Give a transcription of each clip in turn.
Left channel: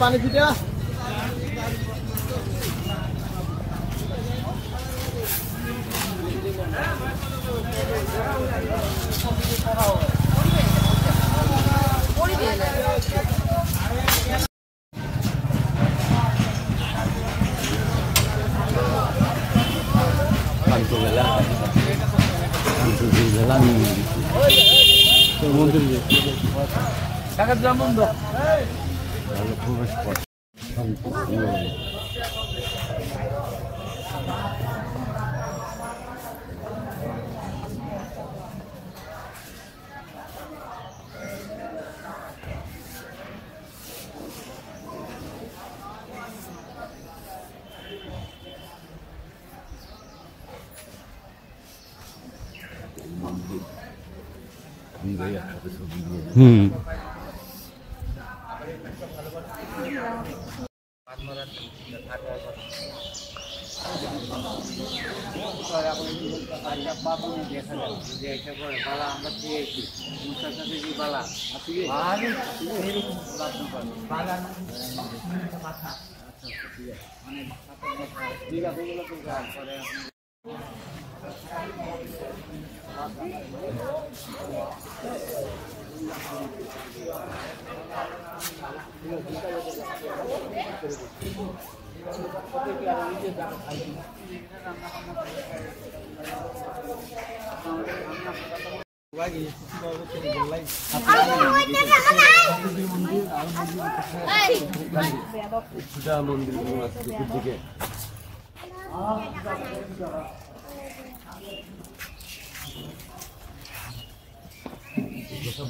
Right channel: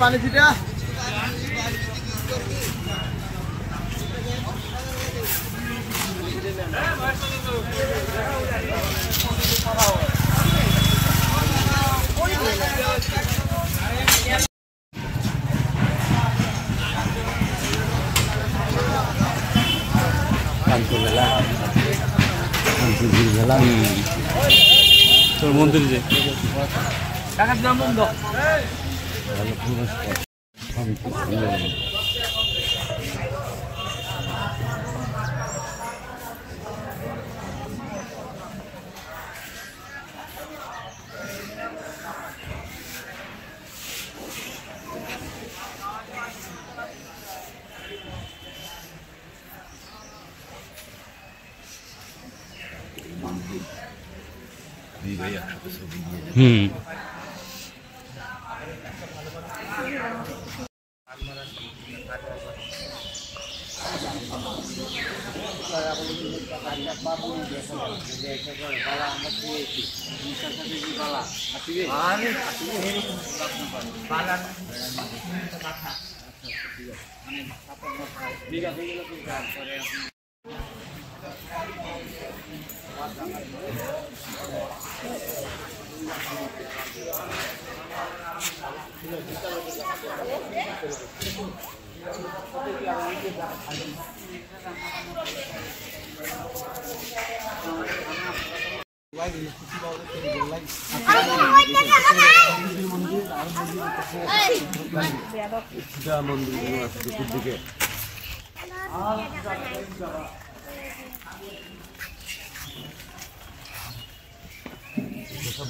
পানি ছিটা তোর মন্দির যে টাকা দিলাম বন্ধ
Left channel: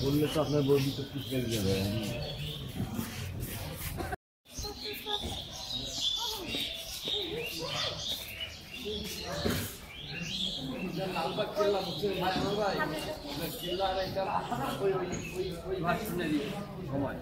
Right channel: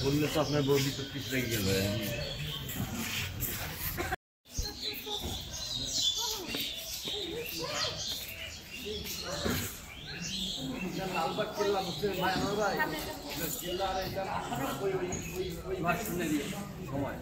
বললে তো আপনার বই তো পিছলে গেলে লালবাগ কেল্লা হচ্ছে মায়ানগর ভাই কেল্লার এটা ওই ভাগ শুনে দিয়ে সময়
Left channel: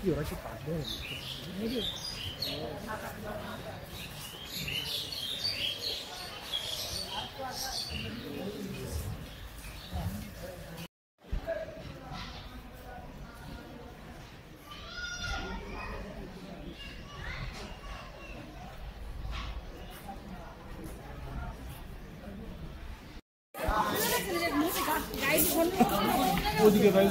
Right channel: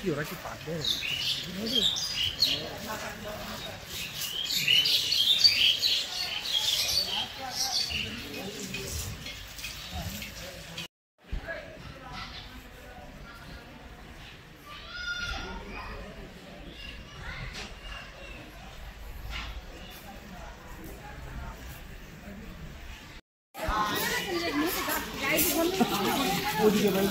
কি ওরা কি পারবে ওদিকে ভাই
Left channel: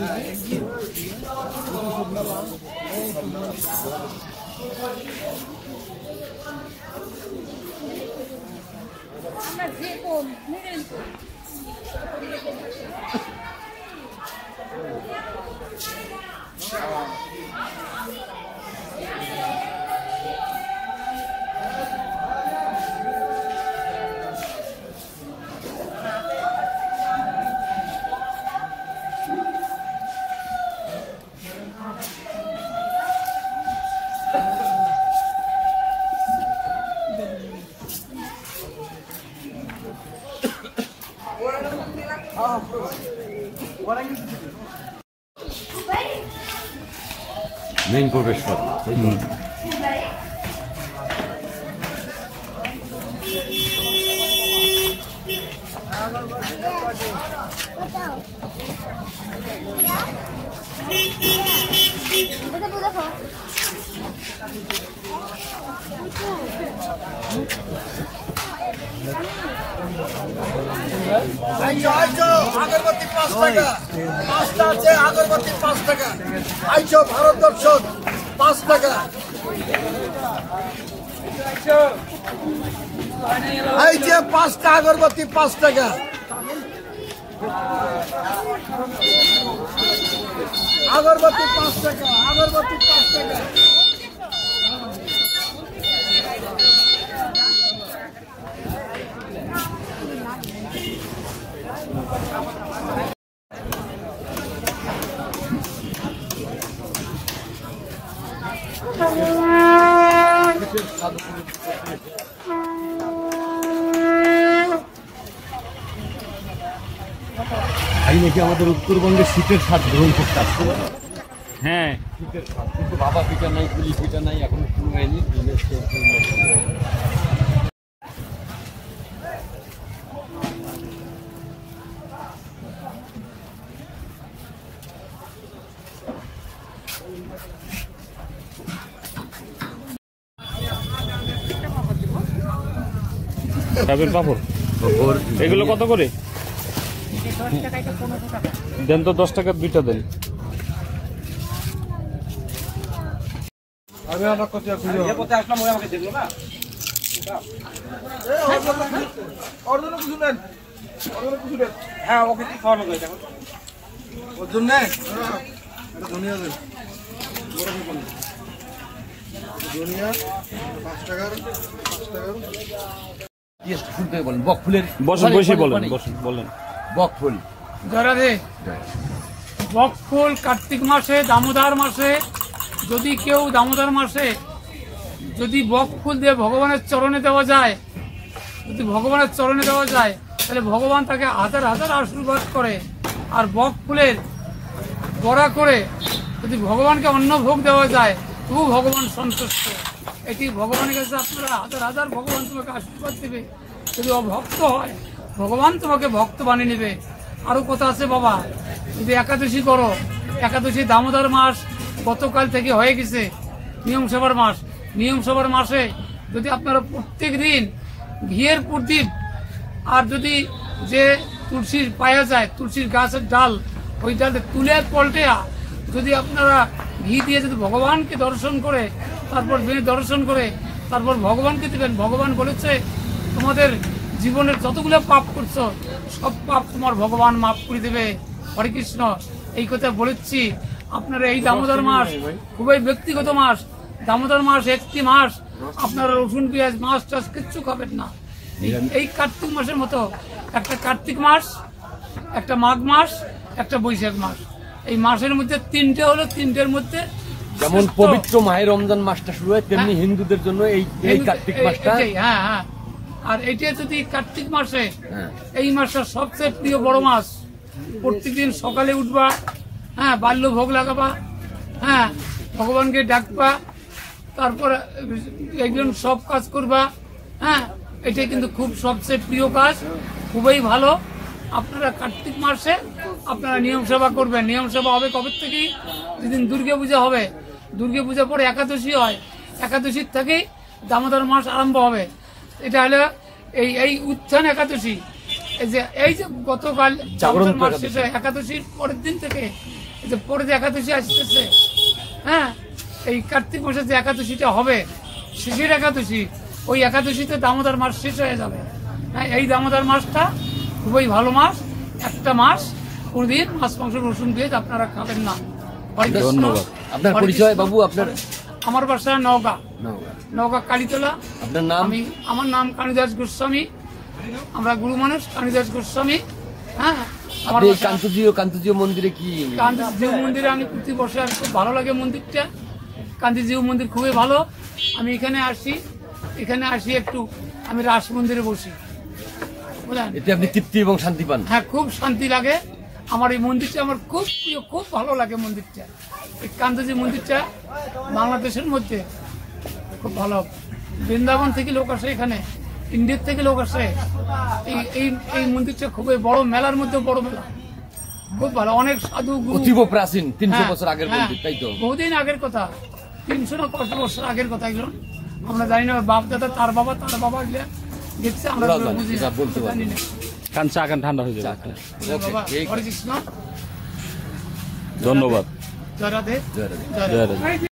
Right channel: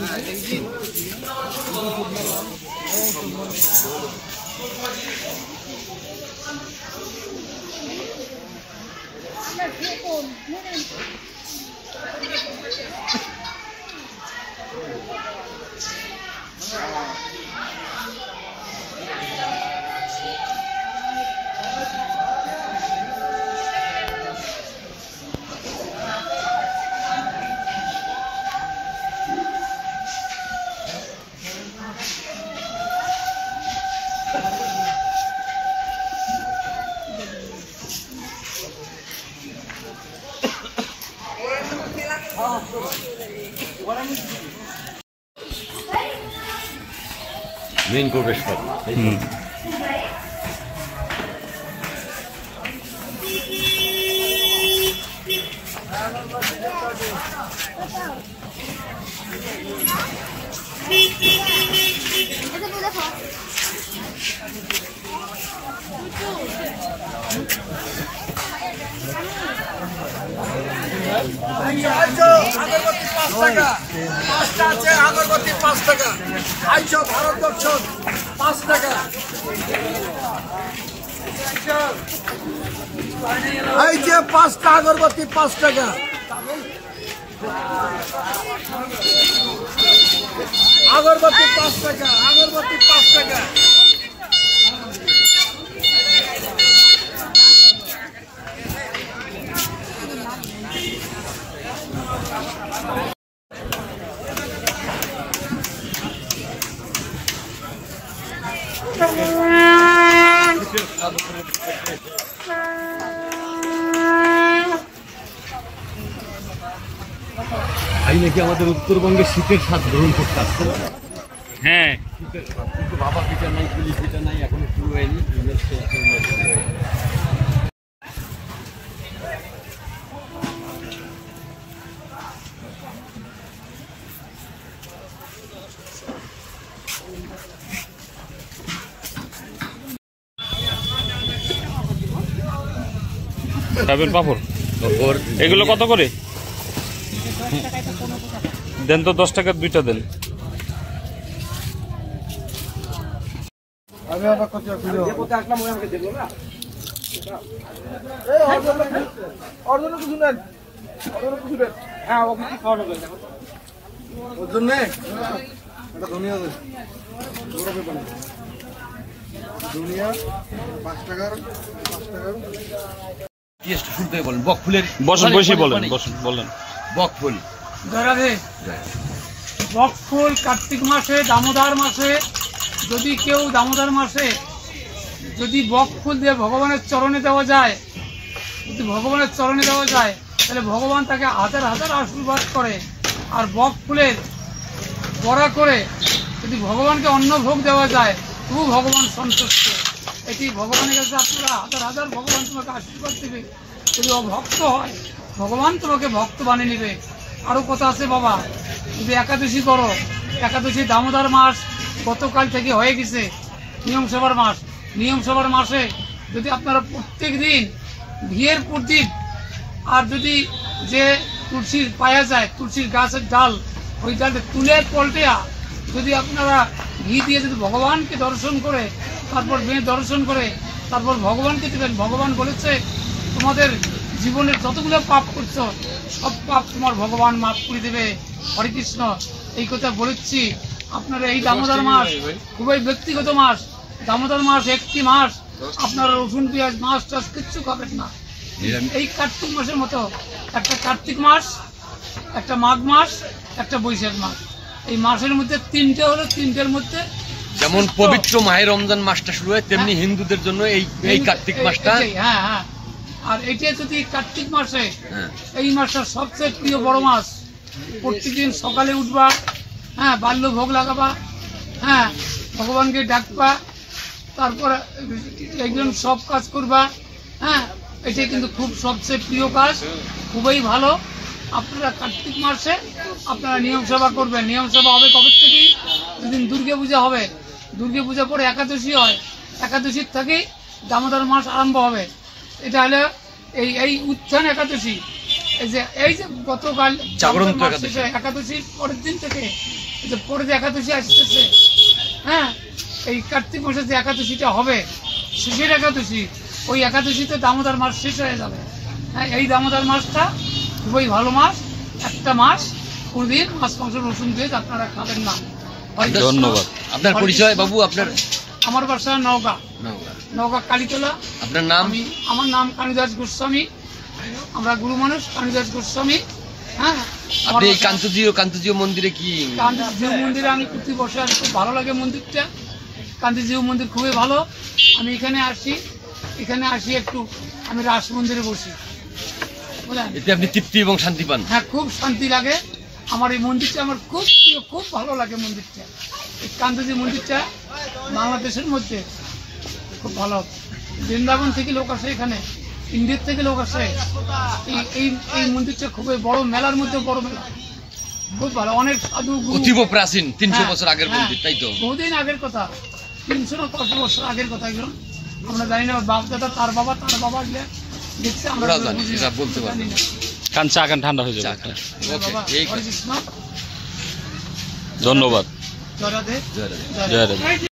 মেইন প্রবেশপথ আগরবাতি 5 টাকা আইছো ভারত দর্শন 5 টাকা আইছে 5টা আগরবাতি 5 টাকা আগরবাতি 5 টাকা, আগরবাতি 5 টাকা। ভাই নাকি আমাদের উত্তরবঙ্গে শীতের স্বাদ গ্রহণ করতে আসছে। হ্যাঁ, শীতের স্বাদ কিন্তু বাবা পিঠা নাই, পুলি পিঠা নাই, এখনো শুরু হয়নি। খাবেন পাপড়? এগুলো কত করে দেন তো? 10 টাকার 2টা দেন। শুনতে বলেন বকফুলের, বসুন, বসে বলেন, বসুন বলেন। বকফুল রাধে, বকফুল কার্তিক মাসে, দামোদর মাসে, যদি কেউ দামোদর মাসে যদি বকফুল দিয়ে ভগবানের চরণে দেওয়া যায়, যদি ভগবানের চরণে দেওয়া যায়, তাহলে ভগবান তাকে হাজার হাজার আশীর্বাদ করে। আর বকফুলের বড়া করে যদি ভগবানকে অন্ন ভোগ দেওয়া যায়, তবু ভগবান সন্তুষ্ট। এটি ভগবানের কাছে আপনারা হাজার হাজার, ভগবান তোমাকে আশীর্বাদ দেবে। যদি অভক্ত হয়, ভগবান তোমাকে ভক্ত বানিয়ে নেবে। আরও কথা আছে বাবা, যদি একাদশী করো, একাদশী দামোদর মাস গতকাল থেকে হয়ে গেছে, নিয়ম সভার মাস। নিয়ম সভার মাসে যদি আপনারা প্রত্যেক দিন ঘিয়ের প্রদীপ, আর যদি যে তুলসীর পাওয়া যায়, তুলসীর গাছের ডাল, ওই ডালটা তুলে পল্টেয়া যদি আপনারা ঘি দিয়ে যদি ভগবানকে দর্শন করে, তারপর মেয়ে দর্শন করে, তারপর ভগবানকে দেবেন। ভগবান বলেছে তোমাদের জীবনের যতগুলো পাপ করছো, সব পাপ তোমার ভগবান মাফ করে দেবে। হরে কৃষ্ণ, এই কথা বলেছি। আপনারা এই দামোদর মাস খুবই ব্যক্তিগত মাস। দামোদর মাস একটি মাস, আপনারা রসুন পেঁয়াজ মাছ টাছ কিচ্ছু খাবেন না। এই কার্তিক মাসের মতো একটা কার্তিক মাস, একটা মাঘ মাস, একটা বৈশাখ মাস, এই মাসের মধ্যে তিনটে হলো। তিনটের মধ্যে যেমন পবিত্র মাহে রমজান মাসটা শুরু হয়, তেমনি হিন্দুদের জন্য এই কার্তিক মাসটা। হ্যাঁ হ্যাঁ, আর এইটা যদি কার্তিক মাসে, এই মাসটা সবচেয়ে প্রিয় বড় মাস। প্রত্যেকদিন সকালে উঠবা, হ্যাঁ, বাল্য ভোগ লাগাবা, হ্যাঁ, ভগবানকে ডাকবা, তারপর একজন সব কাজ করবা, হ্যাঁ, এটাই কিন্তু খুব সবচেয়ে প্রিয় কাজ, খুবই ভালো। আপনারা কার্তিক মাসে আপনারা নিয়ম সেবা করবেন। নিয়ম সেবা হবে কবে থেকে? যেদিন দুর্গা পূজা হবে, দুর্গা পূজা পরে একাদশী হয়, একাদশীর থেকেই দামোদর মাস আরম্ভ হবে। এটা হলো এই উত্থান একাদশী। এই যে গতকাল জাগরন্ত একাদশীর পরের দিন থেকে এই যে পরের একাদশী আসতেছে, হ্যাঁ, এই কার্তিক মাসে যে একাদশীটা হবে, শেষের একাদশী, ওই একাদশীতে দামোদর মাস শেষ হয়ে যাবে। হ্যাঁ, এই দামোদর মাসটা খুবই ভালো মাস। একটা মাস কোনদিন মাছ মাংস রসুন দিয়ে আপনারা খাবেন না। ধন্যবাদ। আপনার পরিচয় বাবু? আপনার? আমার বাসা নওগাঁ, নওগাঁ কালীতলা। আপনার নাম? আমার নাম কালীদাস গোস্বামী। আমরা গুরু মানুষ কালীদাস গোস্বামী। হ্যাঁ, আপনি এই কান্তজিও মন্দিরে কি? কান্তিজিউ মন্দিরে আমি প্রতি বছর খুব ভালো লাগে মন্দিরটা। কান্তিজিউ মন্দির খুবই ভালো। আমি এখানে আসি একটু আমি রাস মন্দিরে বসি, বুঝলেন? এতে আপনি তৃপ্তি এবং শান্তি পান? হ্যাঁ, খুব শান্তি লাগে। আমার এই মন্দিরটা আমার খুব প্রিয়, খুব ভালো লাগে মন্দিরটা। এই কান্তজি মন্দিরটা বাংলাদেশের মধ্যে খুব ভালো। বৃন্দাবন থেকে লোক আসে, এখানে ইন্ডিয়ার থেকে লোক আসে। এই মন্দিরটা খুবই বড়, মেলার মধ্যে বড় মেলা, খুব ভালো। অনেক সাধু অতীব প্রাচীন, 300 বছর আগের মন্দির, তাই তো? বহুদিন আগের কথা, 300 না 500 বছর আগের কথা। এগুলো আমরা জানি না, বাপ দাদা তার বাবা দেখছে, আমরা বলতে পারি না। চা খান, ঠান্ডা হয়ে যাবে। হরে কৃষ্ণ, ধন্যবাদ। জয় রাধে, জয় রাধে।